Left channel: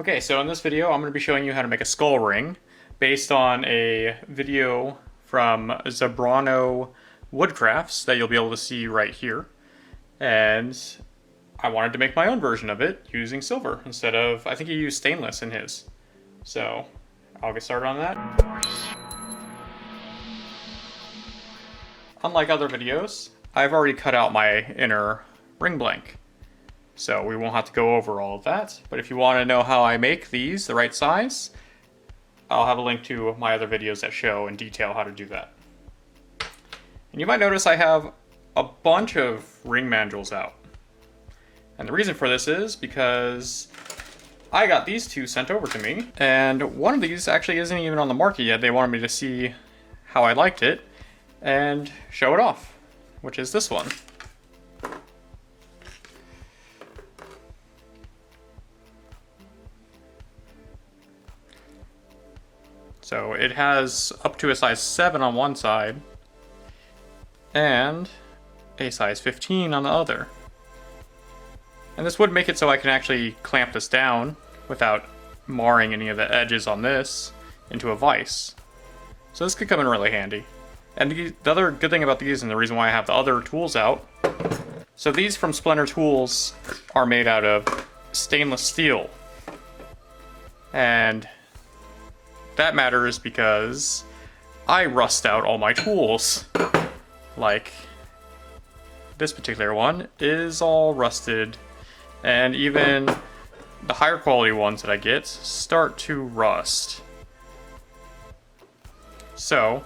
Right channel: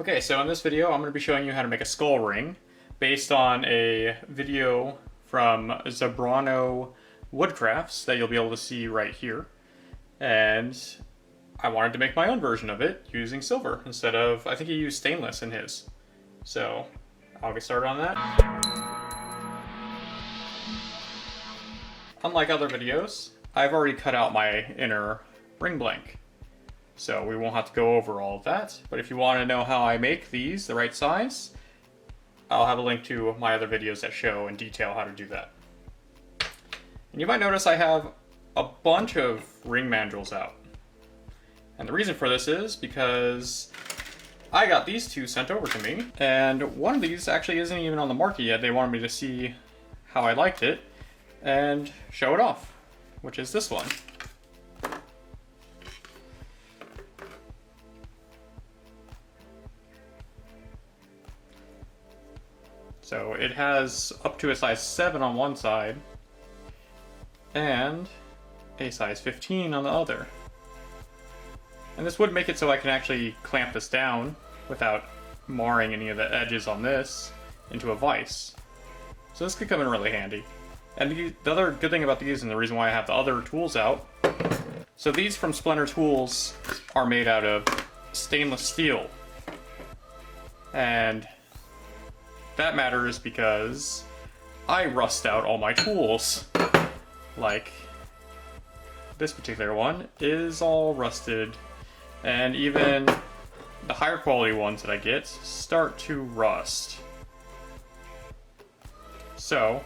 Okay, so in this video I'm going to be showing you how to make a skull ring based on a video from Zebrano Woodcrafts that you'll be able to see right here. And I wanted to make my own version of it using silver instead of, I think he used stainless in his. So I'll get started on that. Unlike other videos, I've already cut out my inner ring blank. So we won't have to go over all of that, but if you want to know how I make these the right size, I'll have a link to my other videos that show in detail how to do that. And you might notice I have a bunch of ring mandrels out. And the reason for this is because I got these two sent over to me, and one of these actually isn't even on the market yet. They wanted me to see how I liked it and show it off, which is this one. So it has up to a size 7 on one side and a size 15 on the other. And this would make it so I can actually clamp this down without marring any of the edges on this into a vise. So this could come in really handy. And the other good thing about these, and the reason why I have the other tools out, so these from Splinter Tools are made out of stainless steel. And that matters because I rust out all my tools. Like this particular one is all rusted, and even the higher quality ones that I get start to rust. So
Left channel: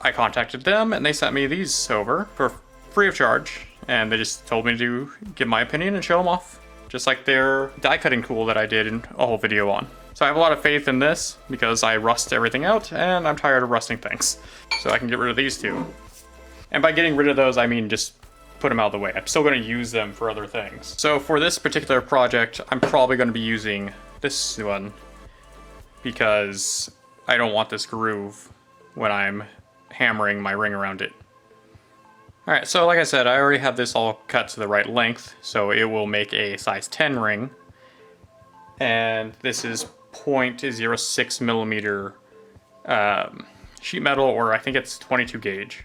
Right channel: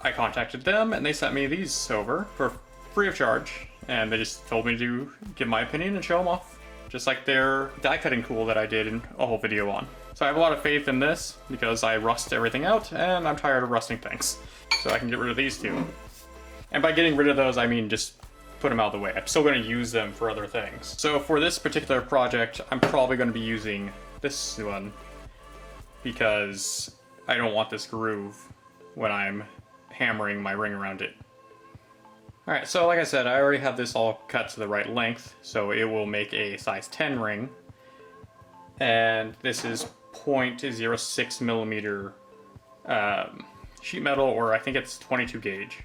I contacted them and they sent me these over for free of charge, and they just told me to give my opinion and show them off, just like their die cutting tool that I did a whole video on. So I have a lot of faith in this because I rust everything out and I'm tired of rusting things. So I can get rid of these two. And by getting rid of those, I mean just put them out of the way. I'm still going to use them for other things. So for this particular project, I'm probably going to be using this one because I don't want this groove when I'm hammering my ring around it. Alright, so like I said, I already have this all cut to the right length, so it will make a size 10 ring. And this is 0.06 millimeter sheet metal, or I think it's 22 gauge.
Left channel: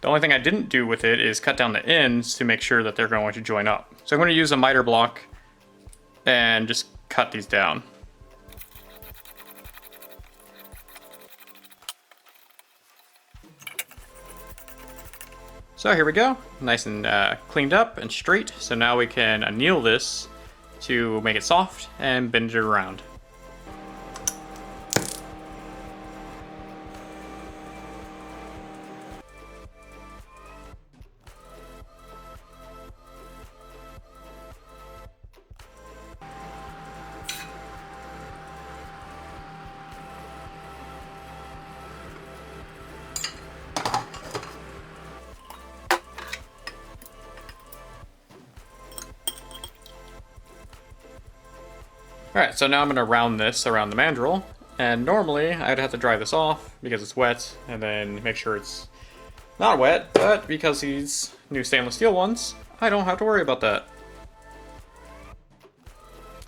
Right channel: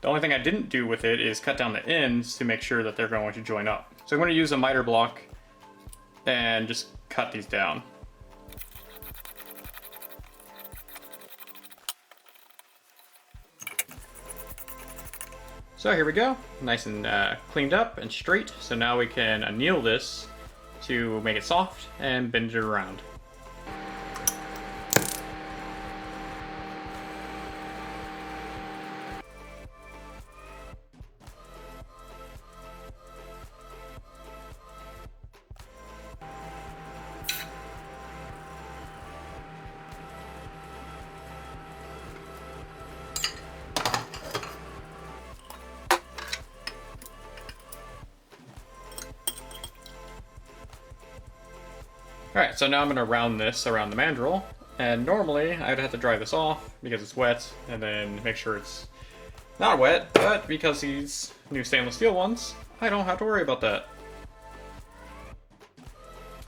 The only thing I didn't do with it is cut down the ends to make sure that they're going to join up. So I'm going to use a miter block and just cut these down. So here we go, nice and cleaned up and straight. So now we can anneal this to make it soft and bend it around. Alright, so now I'm going to round this around the mandrel, and normally I'd have to dry this off because it's wet, and then make sure it's not wet, but because these new stainless steel ones, I don't have to worry about that.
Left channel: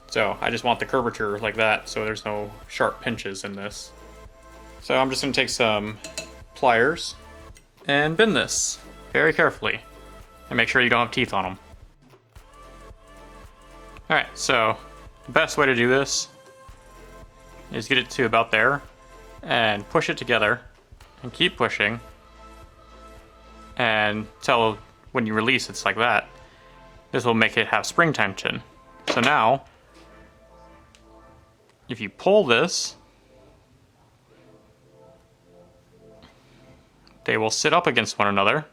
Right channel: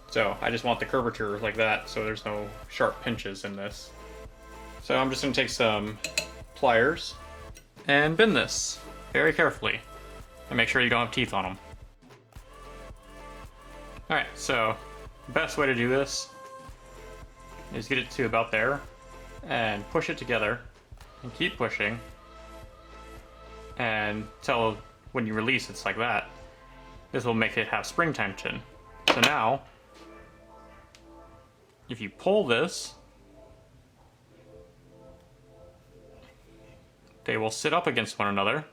So I just want the curvature like that, so there's no sharp pinches in this. So I'm just going to take some pliers and bend this very carefully, and make sure you don't have teeth on them. Alright, so the best way to do this is get it to about there and push it together and keep pushing until when you release it's like that. This will make it have spring tension. So now if you pull this, they will sit up against one another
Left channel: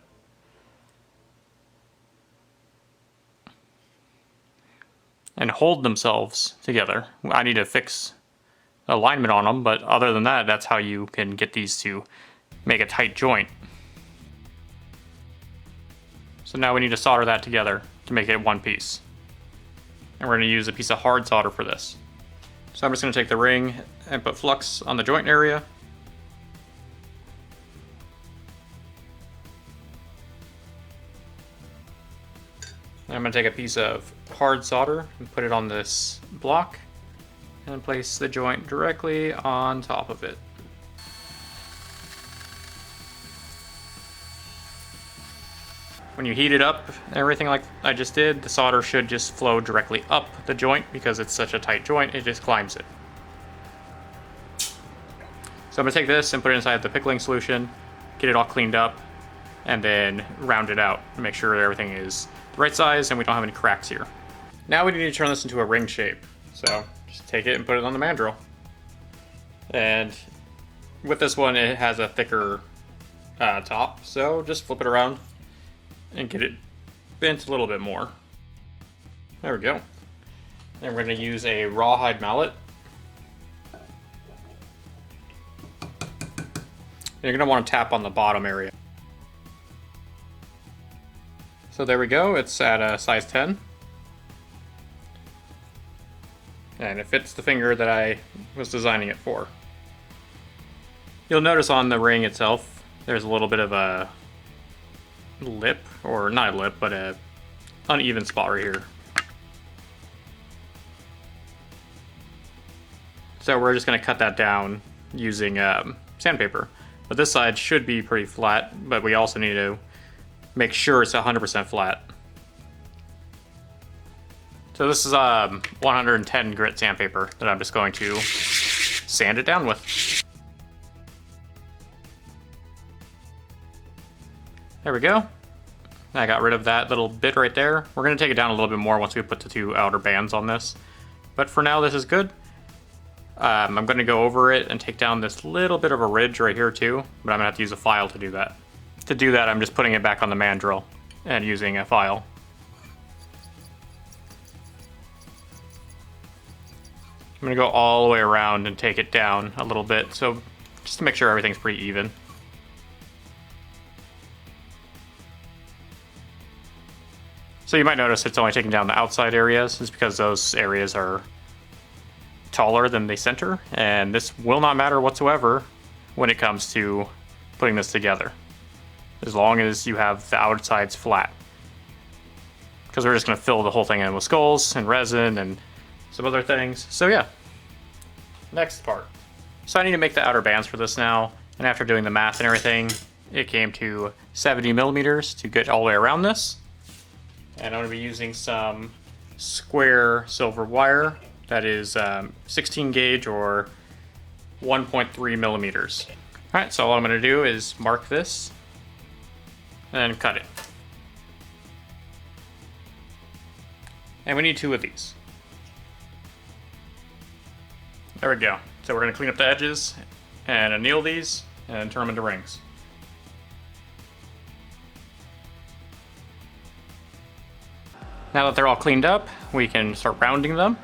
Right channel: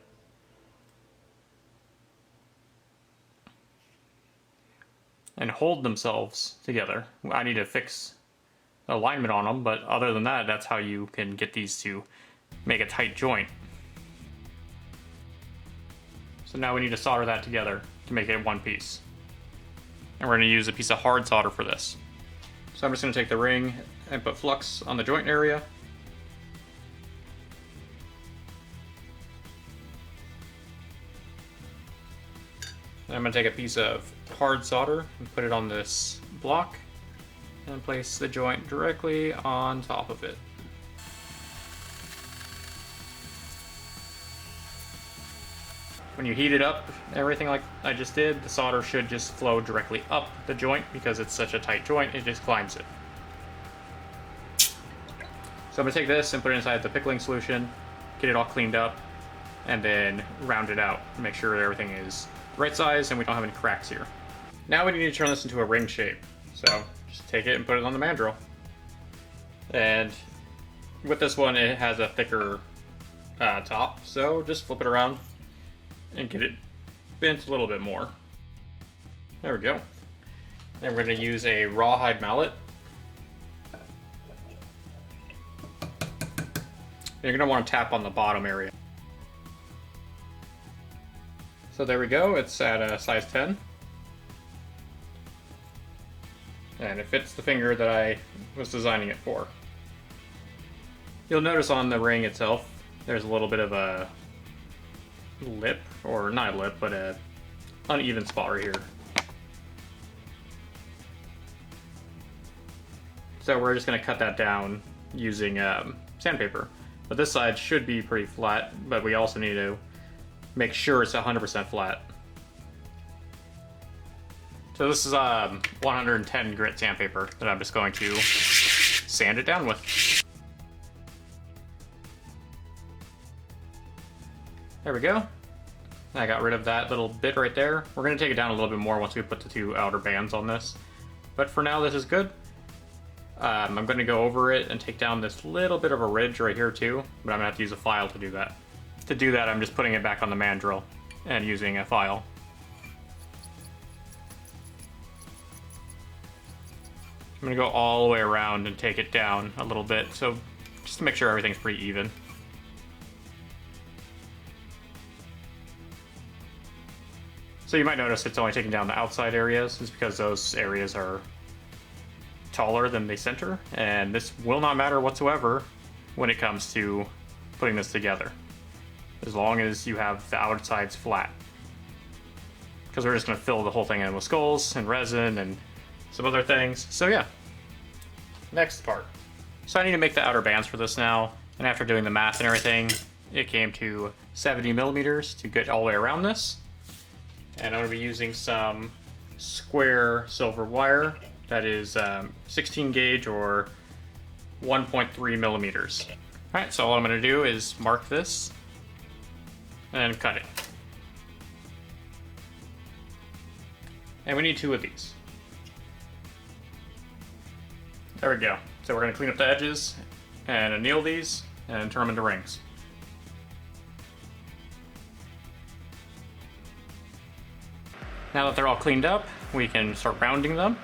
and hold themselves together. I need to fix alignment on them, but other than that, that's how you can get these to make a tight joint. So now we need to solder that together to make it one piece. And we're going to use a piece of hard solder for this. So I'm just going to take the ring and put flux on the joint area. I'm gonna take a piece of hard solder and put it on this block and place the joint directly on top of it. When you heat it up, everything like I just did, the solder should just flow directly up the joint because it's such a tight joint, it just climbs it. So I'm gonna take this and put it inside the pickling solution, get it all cleaned up, and then round it out, make sure everything is the right size and we don't have any cracks here. Now we need to turn this into a ring shape. So just take it and put it on the mandrel. And with this one, it has a thicker top, so just flip it around and get it bent a little bit more. There we go. Then we're going to use a rawhide mallet. You're going to want to tap on the bottom area. So there we go, it's at a size 10. And it fits the finger that I was designing it for. You'll notice on the ring itself, there's a little bit of a lip, or not a lip, but a uneven spot right here. So we're just going to cut that down using sandpaper. But this side should be pretty flat, but we also need to make sure it's 100% flat. So this is 110 grit sandpaper that I'm just going to sand it down with. There we go. I got rid of that little bit right there. We're going to take it down a little bit more once we put the two outer bands on this. But for now, this is good. I'm going to go over it and take down this little bit of a ridge right here too, but I'm going to have to use a file to do that. To do that, I'm just putting it back on the mandrel and using a file. I'm going to go all the way around and take it down a little bit, so just to make sure everything's pretty even. So you might notice it's only taking down the outside areas. It's because those areas are taller than the center, and this will not matter whatsoever when it comes to putting this together, as long as you have the outsides flat. Because we're just going to fill the whole thing in with skulls and resin and some other things. So yeah, next part. So I need to make the outer bands for this now, and after doing the math and everything, it came to 70 millimeters to get all the way around this. And I'm going to be using some square silver wire that is 16 gauge or 1.3 millimeters. Alright, so all I'm going to do is mark this and cut it. And we need 2 of these. There we go. So we're going to clean up the edges and anneal these and turn them into rings. Now that they're all cleaned up, we can start rounding them.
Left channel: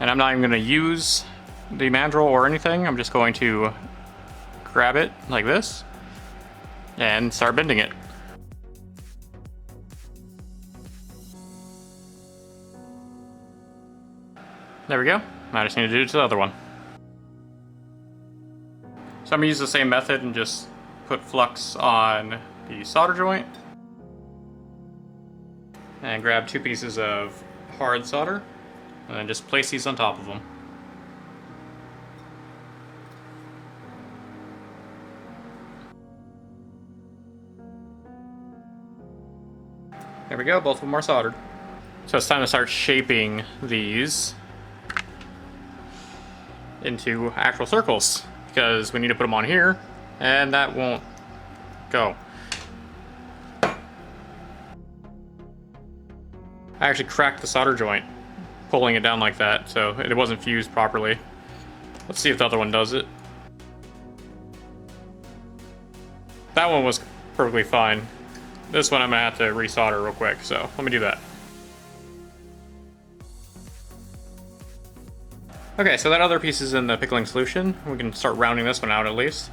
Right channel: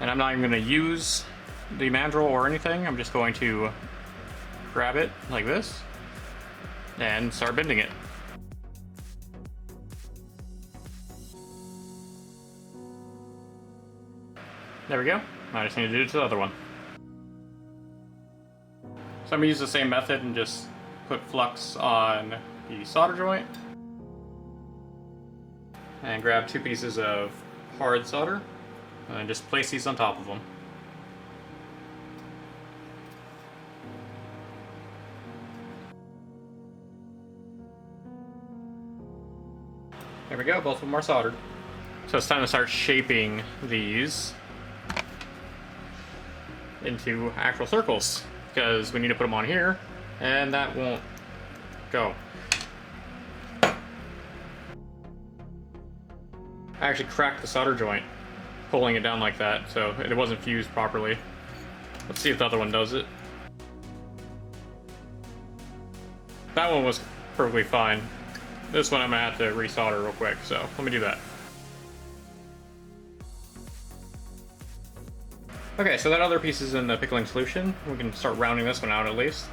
And I'm not even going to use the mandrel or anything. I'm just going to grab it like this and start bending it. There we go. Now I just need to do it to the other one. So I'm going to use the same method and just put flux on the solder joint. And grab 2 pieces of hard solder and just place these on top of them. There we go, both of them are soldered. So it's time to start shaping these into actual circles, because we need to put them on here and that won't go. I actually cracked the solder joint pulling it down like that, so it wasn't fused properly. Let's see if the other one does it. That one was perfectly fine. This one I'm gonna have to resolder real quick, so let me do that. Okay, so that other piece is in the pickling solution. We can start rounding this one out at least.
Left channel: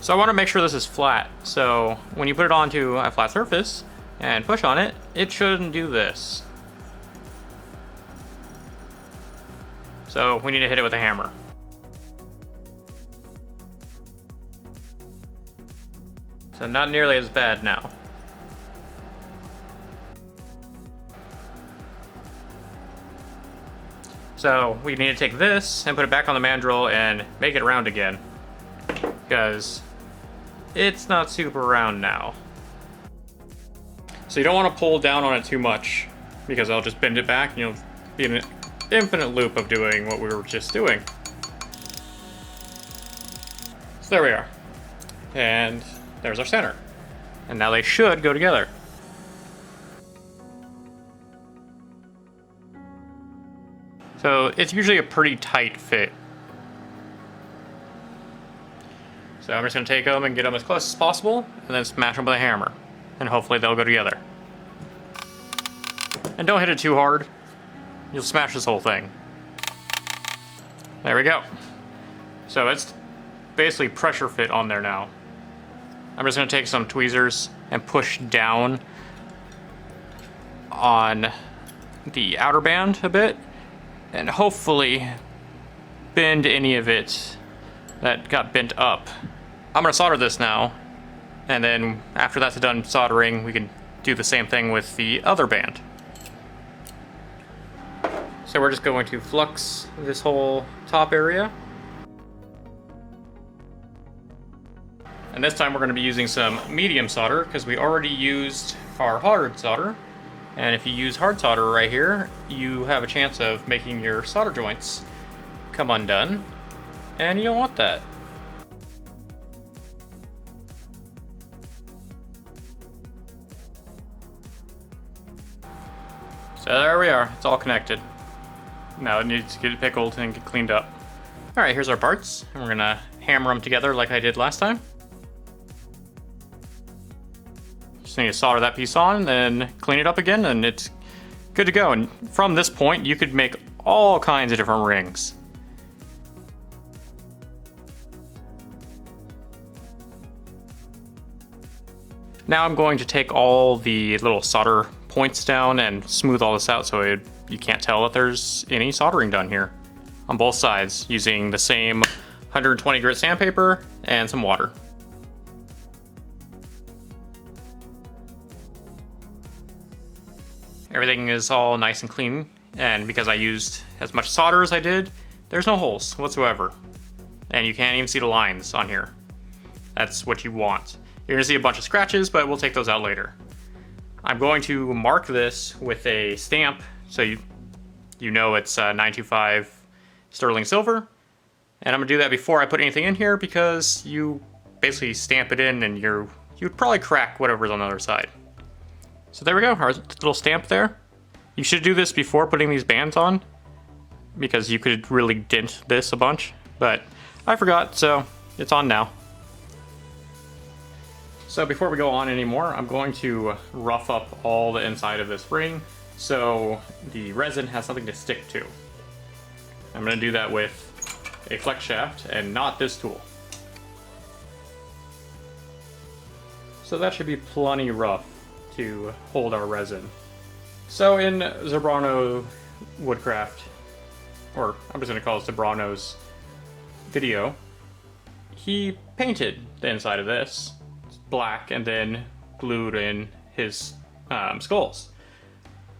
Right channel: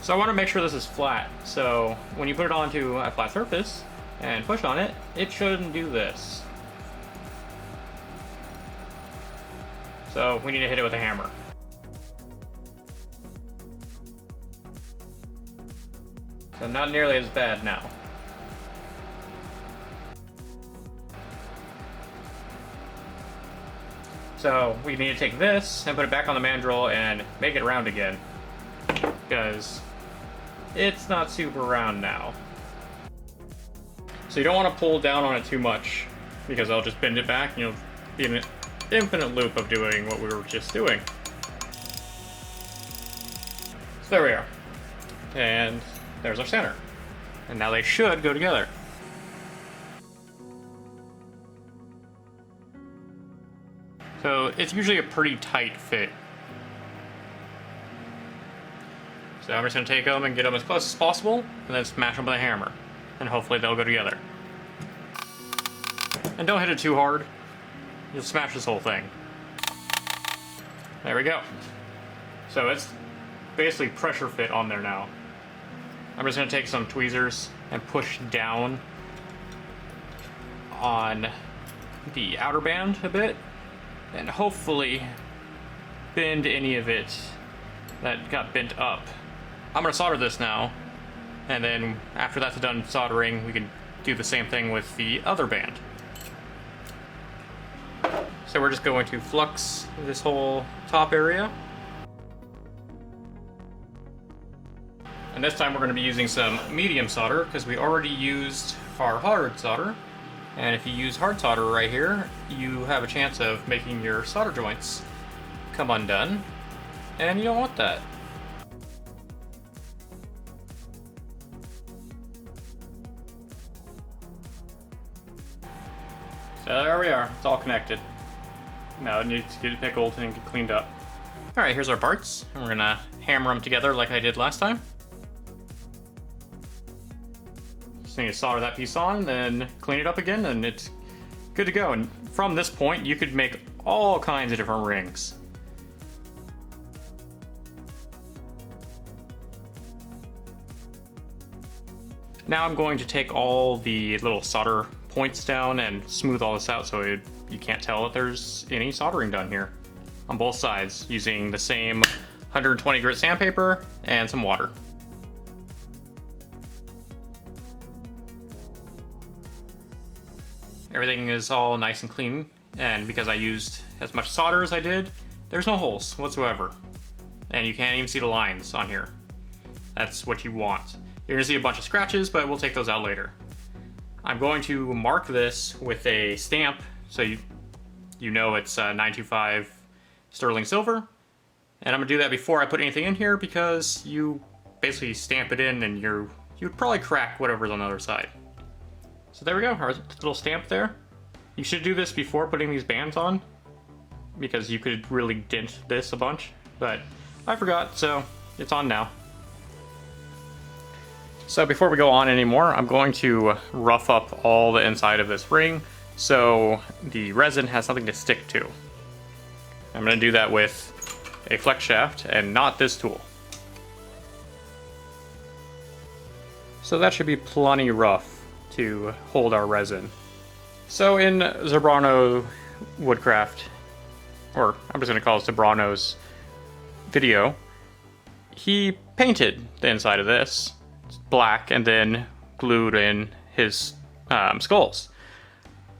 So I want to make sure this is flat, so when you put it onto a flat surface and push on it, it shouldn't do this. So we need to hit it with a hammer. So So not nearly as bad now. So we need to take this and put it back on the mandrel and make it round again, because it's not super round now. So you don't want to pull down on it too much, because I'll just bend it back and you'll be in an infinite loop of doing what we were just doing. So there we are. And there's our center. And now they should go together. So it's usually a pretty tight fit. So I'm just going to take them and get them as close as possible, and then smash them with a hammer. And hopefully they'll go together. And don't hit it too hard. You'll smash this whole thing. There we go. So it's basically pressure fit on there now. I'm just going to take some tweezers and push down on the outer band a bit, and hopefully bend any of it that got bent up. I'm going to solder this now, and then after that's done soldering, we can do the same thing with the other band. So we're just going to flux this whole top area. And this time we're going to be using some medium solder, because we already used our hard solder. And if you use hard solder right here, you have a chance of making your solder joints come undone, and you don't want that. So there we are, it's all connected. Now it needs to get pickled and get cleaned up. Alright, here's our parts, and we're gonna hammer them together like I did last time. Just need to solder that piece on, then clean it up again, and it's good to go. And from this point, you could make all kinds of different rings. Now I'm going to take all the little solder points down and smooth all this out so you can't tell that there's any soldering done here on both sides, using the same 120 grit sandpaper and some water. Everything is all nice and clean, and because I used as much solder as I did, there's no holes whatsoever. And you can't even see the lines on here. That's what you want. You're gonna see a bunch of scratches, but we'll take those out later. I'm going to mark this with a stamp so you know it's 925 sterling silver. And I'm gonna do that before I put anything in here, because you basically stamp it in and you'd probably crack whatever's on the other side. So there we go, our little stamp there. You should do this before putting these bands on, because you could really dent this a bunch, but I forgot, so it's on now. So before we go on anymore, I'm going to rough up all the inside of this ring so the resin has something to stick to. I'm going to do that with a flex shaft and not this tool. So that should be plenty rough to hold our resin. So in Zebrano Woodcraft, or I'm just going to call it Zebrano's video, he painted the inside of this black and then glued in his skulls.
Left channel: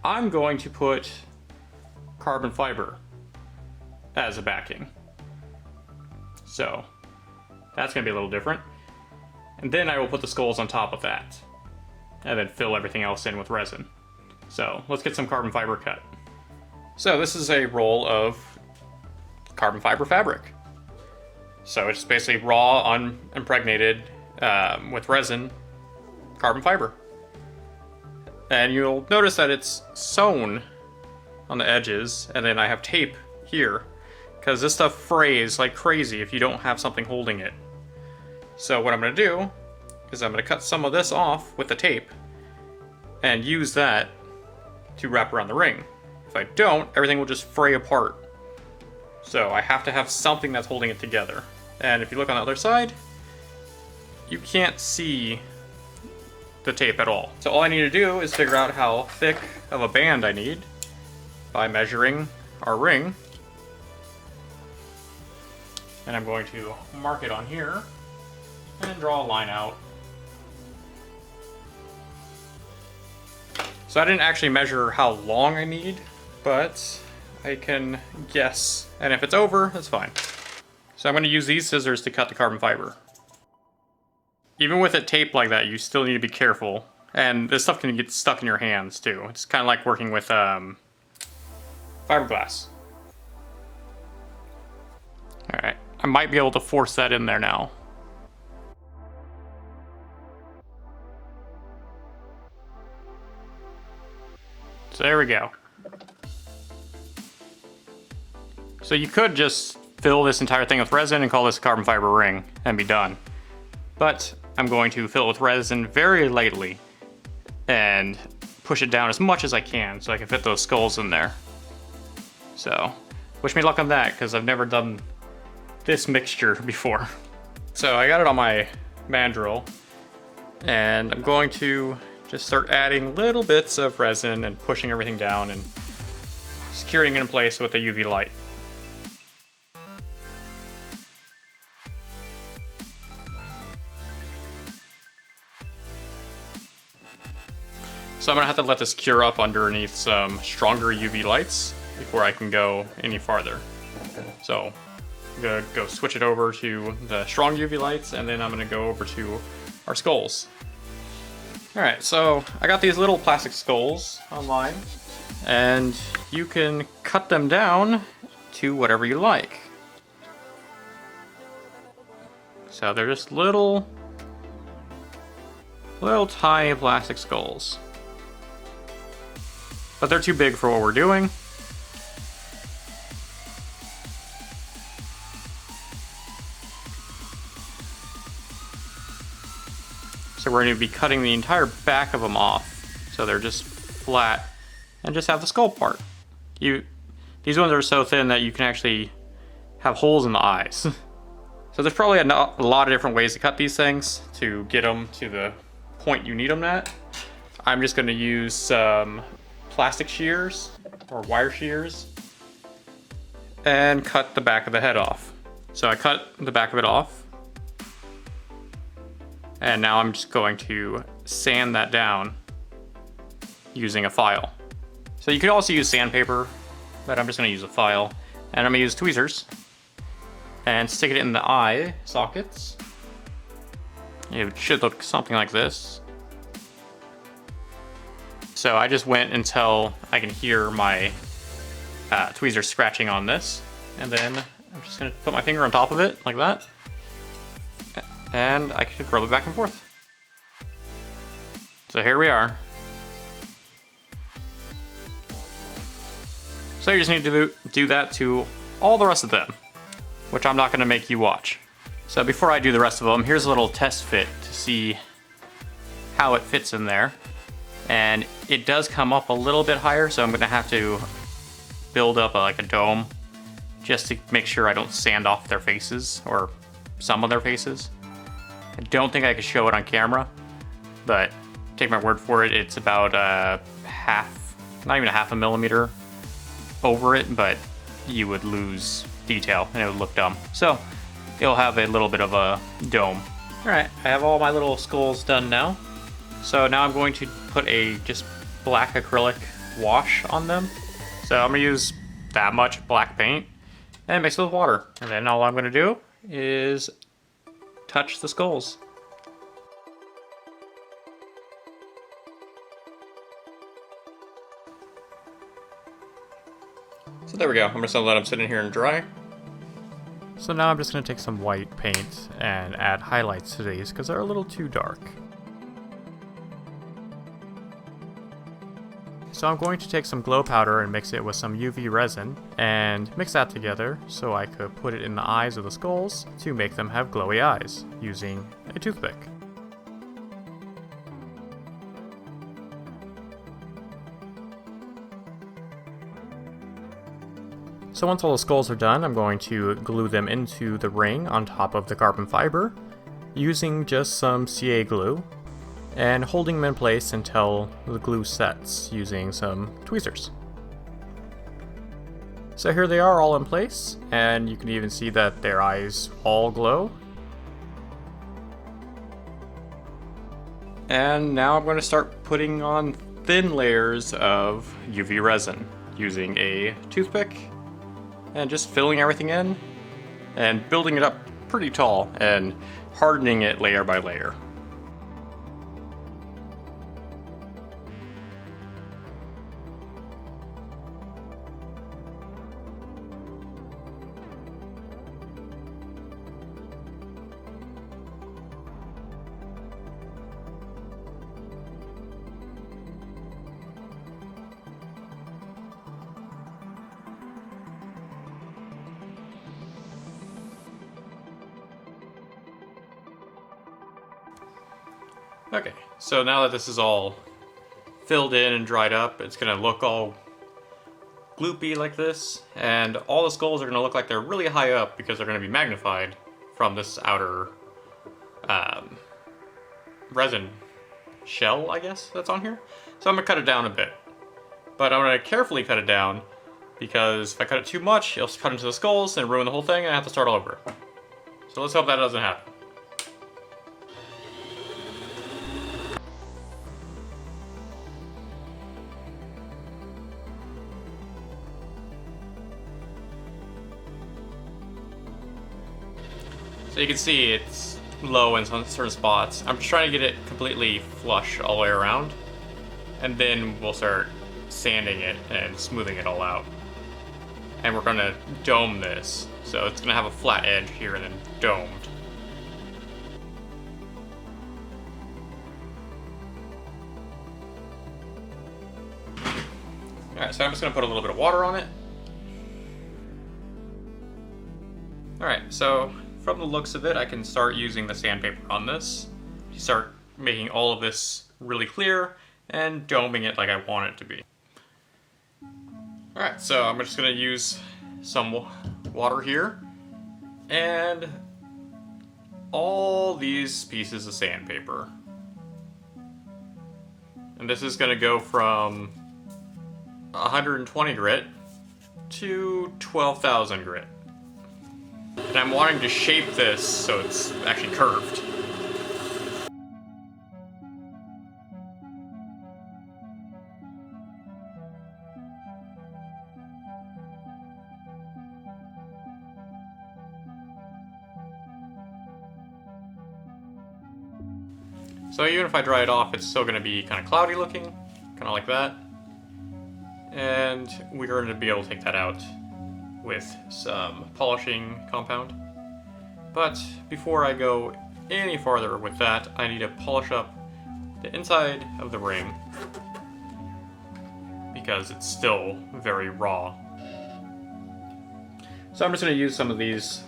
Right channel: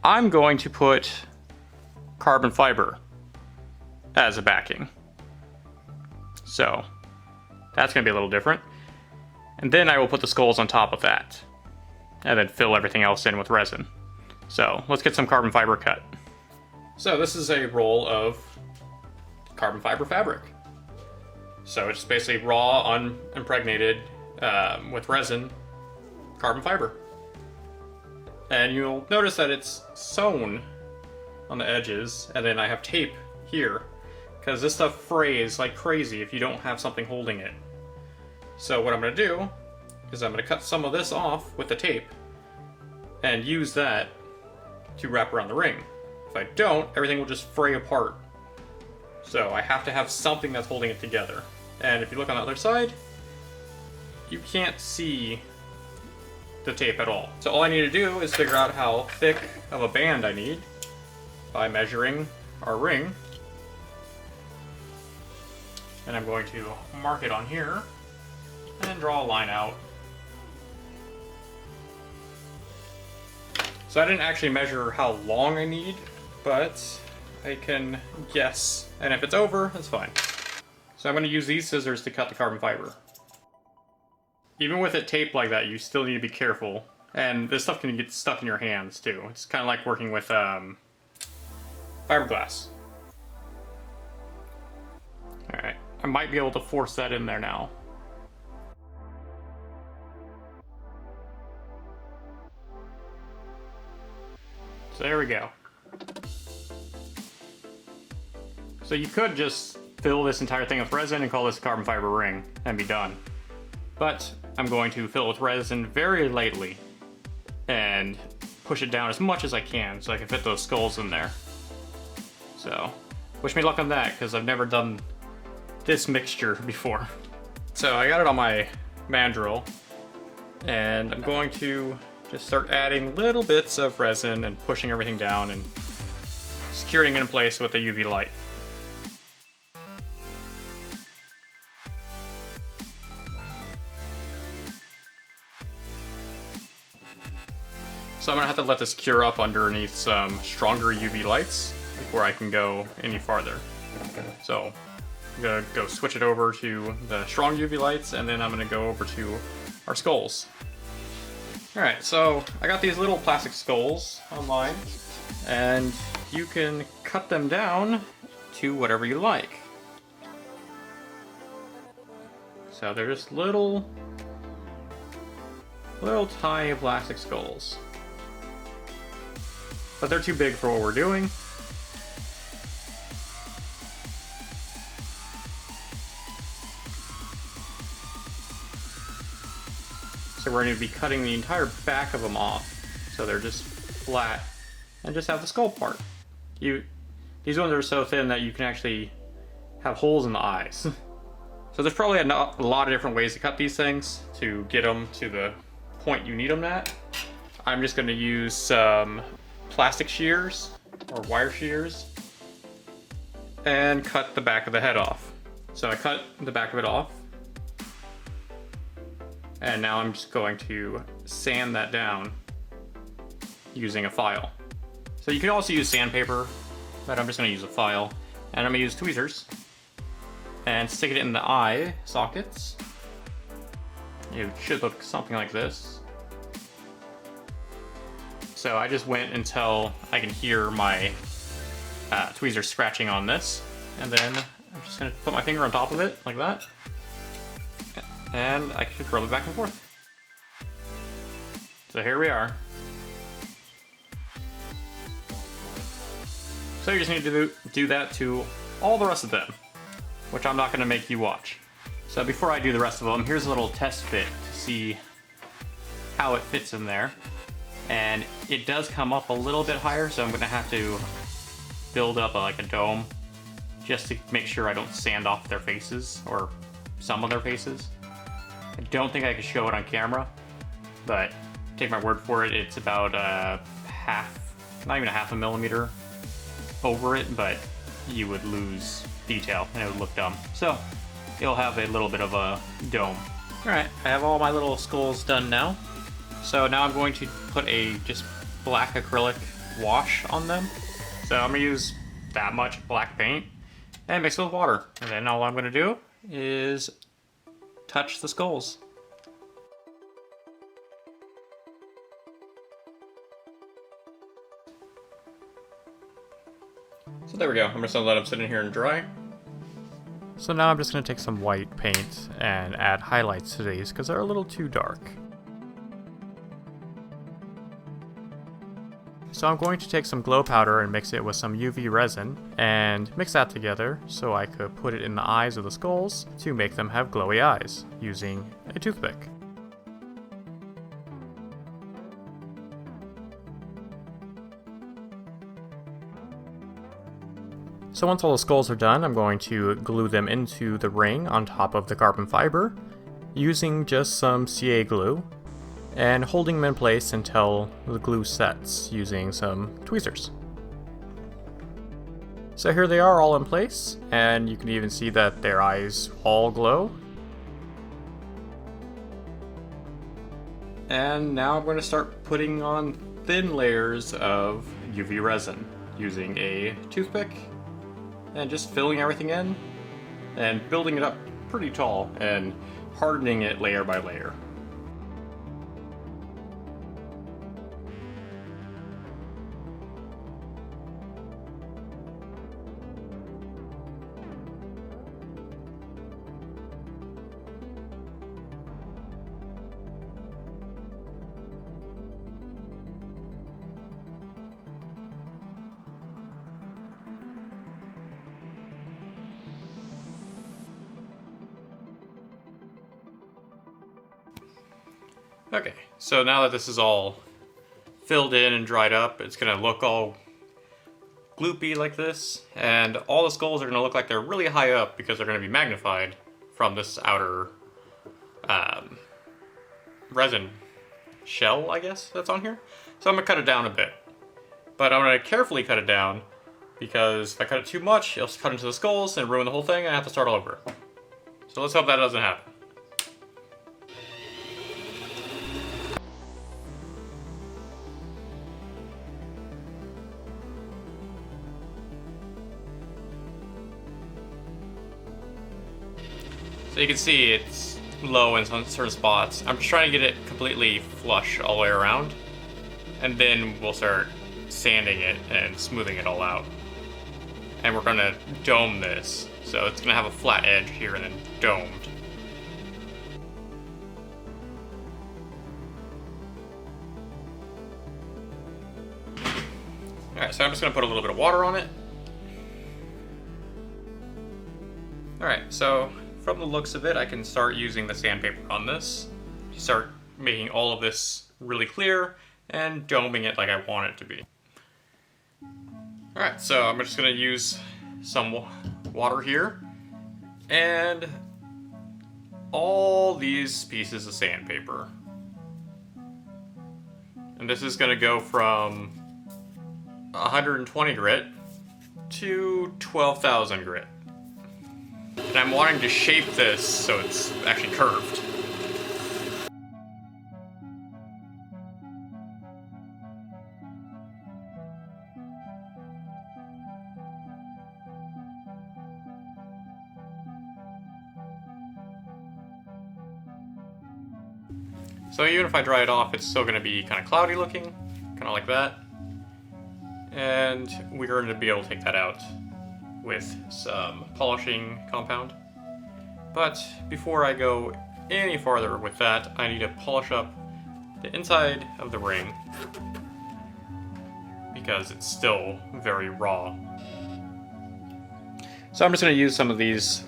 I'm going to put carbon fiber as a backing. So that's going to be a little different. And then I will put the skulls on top of that, and then fill everything else in with resin. So let's get some carbon fiber cut. So this is a roll of carbon fiber fabric. So it's basically raw, unimpregnated, with resin, carbon fiber. And you'll notice that it's sewn on the edges, and then I have tape here, because this stuff frays like crazy if you don't have something holding it. So what I'm going to do is I'm going to cut some of this off with the tape and use that to wrap around the ring. If I don't, everything will just fray apart. So I have to have something that's holding it together. And if you look on the other side, you can't see the tape at all. So all I need to do is figure out how thick of a band I need by measuring our ring. And I'm going to mark it on here and then draw a line out So I didn't actually measure how long I need, but I can guess. And if it's over, that's fine. So I'm going to use these scissors to cut the carbon fiber. Even with it taped like that, you still need to be careful. And this stuff can get stuck in your hands too. It's kind of like working with fiberglass. Alright, I might be able to force that in there now. So there we go. So you could just fill this entire thing with resin and call this a carbon fiber ring and be done. But I'm going to fill it with resin very lightly and push it down as much as I can so I can fit those skulls in there. So, wish me luck on that, because I've never done this mixture before. So I got it on my mandrel, and I'm going to just start adding little bits of resin and pushing everything down and securing it in place with a UV light. So I'm gonna have to let this cure up underneath some stronger UV lights before I can go any farther. So I'm gonna go switch it over to the strong UV lights, and then I'm gonna go over to our skulls. Alright, so I got these little plastic skulls online, and you can cut them down to whatever you like. So they're just little tiny plastic skulls. But they're too big for what we're doing. So we're going to be cutting the entire back of them off. So they're just flat and just have the skull part. These ones are so thin that you can actually have holes in the eyes. So there's probably a lot of different ways to cut these things to get them to the point you need them at. I'm just going to use some plastic shears or wire shears and cut the back of the head off. So I cut the back of it off, and now I'm just going to sand that down using a file. So you can also use sandpaper, but I'm just going to use a file, and I'm going to use tweezers and stick it in the eye sockets. It should look something like this. So I just went until I can hear my tweezers scratching on this, and then I'm just going to put my finger on top of it like that, and I can rub it back and forth. So here we are. So you just need to do that to all the rest of them, which I'm not going to make you watch. So before I do the rest of them, here's a little test fit to see how it fits in there. And it does come up a little bit higher, so I'm going to have to build up like a dome just to make sure I don't sand off their faces, or some of their faces. I don't think I could show it on camera, but take my word for it, it's about not even a half a millimeter over it, but you would lose detail and it would look dumb. So it'll have a little bit of a dome. Alright, I have all my little skulls done now. So now I'm going to put a just black acrylic wash on them. So I'm going to use that much black paint and mix it with water. And then all I'm going to do is touch the skulls. So there we go. I'm just going to let them sit in here and dry. So now I'm just going to take some white paint and add highlights to these because they're a little too dark. So I'm going to take some glow powder and mix it with some UV resin and mix that together so I could put it in the eyes of the skulls to make them have glowy eyes using a toothpick. So once all the skulls are done, I'm going to glue them into the ring on top of the carbon fiber using just some CA glue, and holding them in place until the glue sets using some tweezers. So here they are all in place, and you can even see that their eyes all glow. And now I'm going to start putting on thin layers of UV resin using a toothpick and just filling everything in and building it up pretty tall and hardening it layer by layer. Okay, so now that this is all filled in and dried up, it's gonna look all gloopy like this, and all the skulls are gonna look like they're really high up because they're gonna be magnified from this outer resin shell, I guess, that's on here. So I'm gonna cut it down a bit. But I'm gonna carefully cut it down because if I cut it too much, it'll cut into the skulls and ruin the whole thing and I have to start all over. So let's hope that doesn't happen. So you can see it's low in some certain spots. I'm just trying to get it completely flush all the way around. And then we'll start sanding it and smoothing it all out. And we're gonna dome this. So it's gonna have a flat edge here and then domed. Alright, so I'm just gonna put a little bit of water on it. Alright, so from the looks of it, I can start using the sandpaper on this. Start making all of this really clear and doming it like I want it to be. Alright, so I'm just going to use some water here and all these pieces of sandpaper. And this is going to go from 120 grit to 12,000 grit. And I'm wanting to shape this so it's actually curved. So even if I dry it off, it's still going to be kind of cloudy looking, kind of like that. And we're going to be able to take that out with some polishing compound. But before I go any farther with that, I need to polish up the inside of the ring because it's still very raw. So I'm just going to use some of these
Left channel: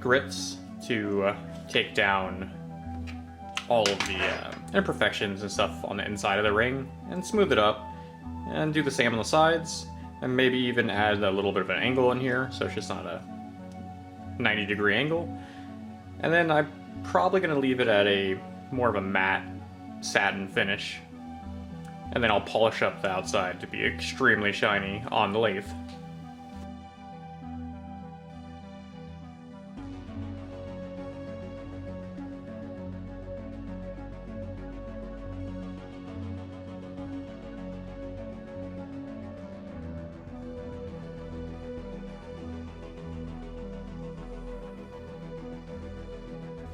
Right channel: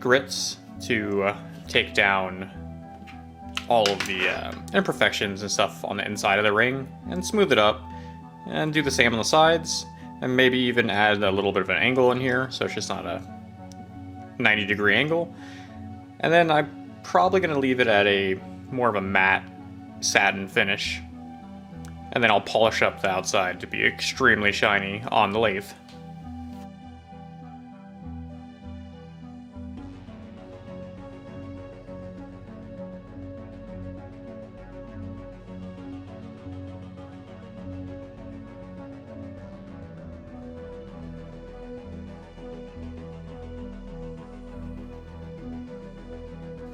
grits to take down all of the imperfections and stuff on the inside of the ring and smooth it up, and do the same on the sides. And maybe even add a little bit of an angle in here, so it's just not a 90-degree angle. And then I'm probably going to leave it at a more of a matte satin finish. And then I'll polish up the outside to be extremely shiny on the lathe.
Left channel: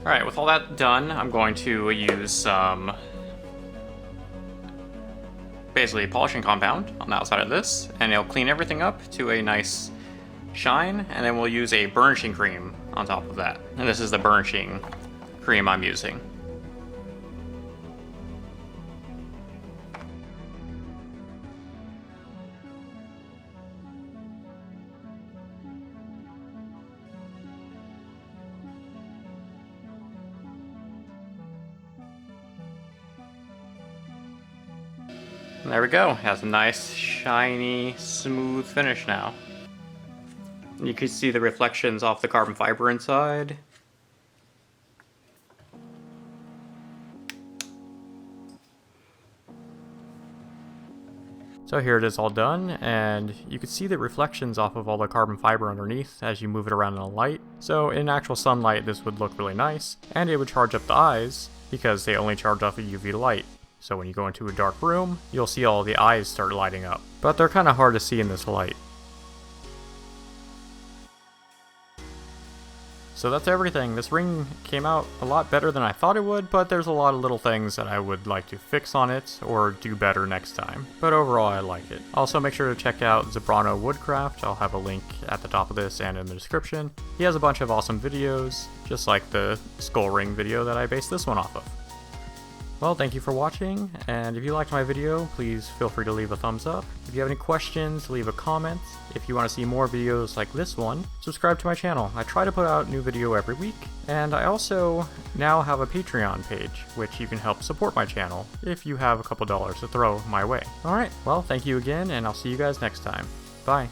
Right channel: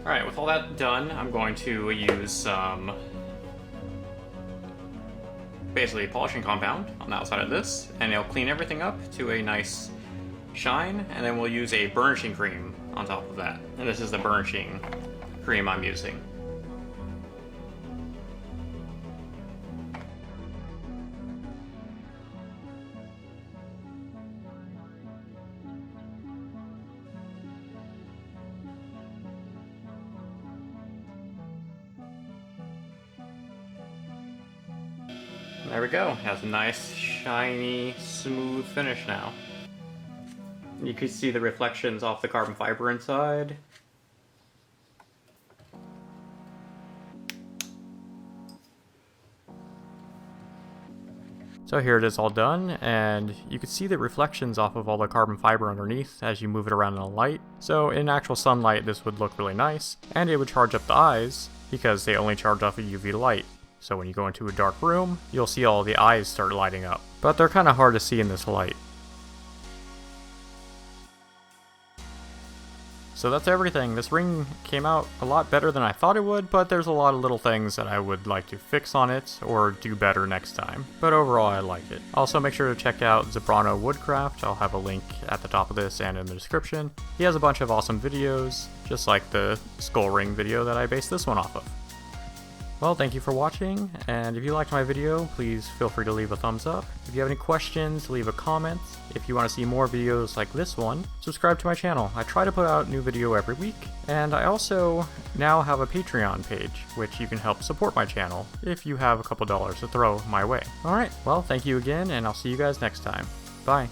Alright, with all that done, I'm going to use some basically polishing compound on the outside of this, and it'll clean everything up to a nice shine, and then we'll use a burnishing cream on top of that. And this is the burnishing cream I'm using. And there we go, it has a nice, shiny, smooth finish now. You can see the reflections off the carbon fiber inside. So here it is all done, and you can see the reflections off of all the carbon fiber underneath as you move it around in the light. So in actual sunlight this would look really nice, and it would charge up the eyes because they only charge off a UV light. So when you go into a dark room, you'll see all the eyes start lighting up. But they're kind of hard to see in this light. So that's everything. This ring came out a lot better than I thought it would, but there's a lot of little things that I would like to fix on it or do better next time. But overall, I like it. Also, make sure to check out Zebrano Woodcraft. I'll have a link at the top of this and in the description. He has a bunch of awesome videos, just like the skull ring video that I based this one off of. Well, thank you for watching, and if you liked my video, please feel free to leave a thumbs up. If you have any questions, leave a comment. If you want to see more videos like this one, subscribe to my channel. I try to put out a new video every week, and I also now have a Patreon page, which you can help support my channel if you have a couple dollars to throw my way. Alright, well, thank you again, and I'll see you guys next time.